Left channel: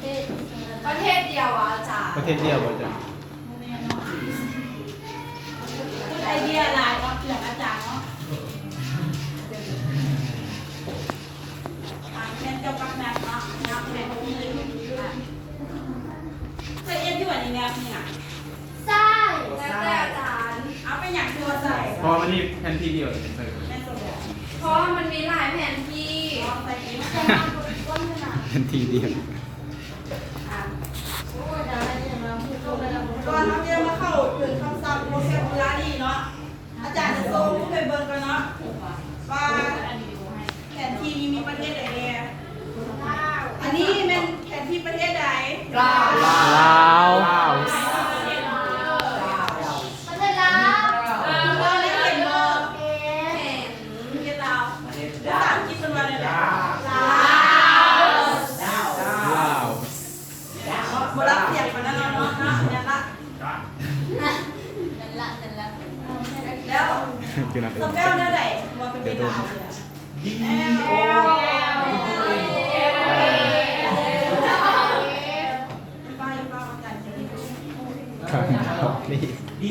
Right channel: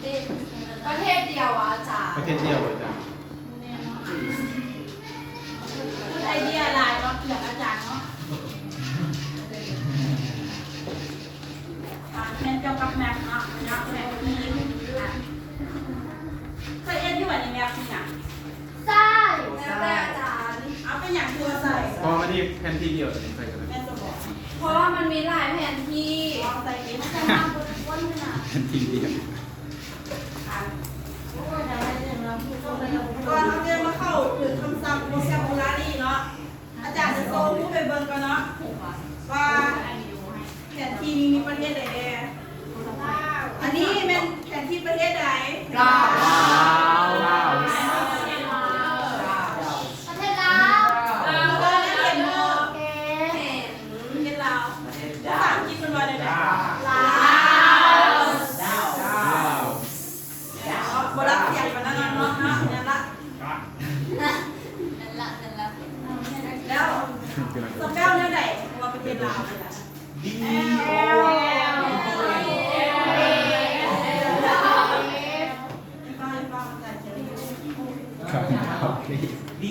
ประเทศเดียวอ่ะอาจารย์ ประเทศเดียวเลยจ้ะ ไอเดียลายก็เกี่ยวอาจารย์เนาะเรียนเกี่ยวกับแมทเนาะแมทมีเคยเอ็นที่วันนี้แมทเนี่ย ใช่แล้วแต่อาจารย์ เอาไปอย่างตัวใส่ เพราะอันนี้แผ่นที่เดียวเลยใส่กัน แม่ตัวบอก เพราะว่ามันมีหลายแผนที่ ลองใส่เอง จะมาบนก้นขนาด แผ่นที่เดียว โอ้ยเดี๋ยวอะไรอย่างเราพูดไปแล้ว ก่อนทำเรียนมาเข้าถึงคำศัพท์โวแคบูลารีเนาะอาจารย์จะโซ่ผู้ไปเบิร์นกันเนาะว่าแผนที่นี้มีประเทศใดแน่อันนี้เป็นแผนที่ประเทศใด ลาว ประเทศลาว ตอนนี้เห็นโม เห็น ประเทศลาวภาษาอังกฤษเป็นวันอะไร ลาว ลาว โบราณเสียงมันนั่นเนาะเนี่ยละ นั่นละนั่นละ แล้ว คือนั่นเอ ส ง แก้วเนี่ยไหนมาเป็นลาวเลยอะป้าอาจารย์จะได้ ครับนี่ ดีโอ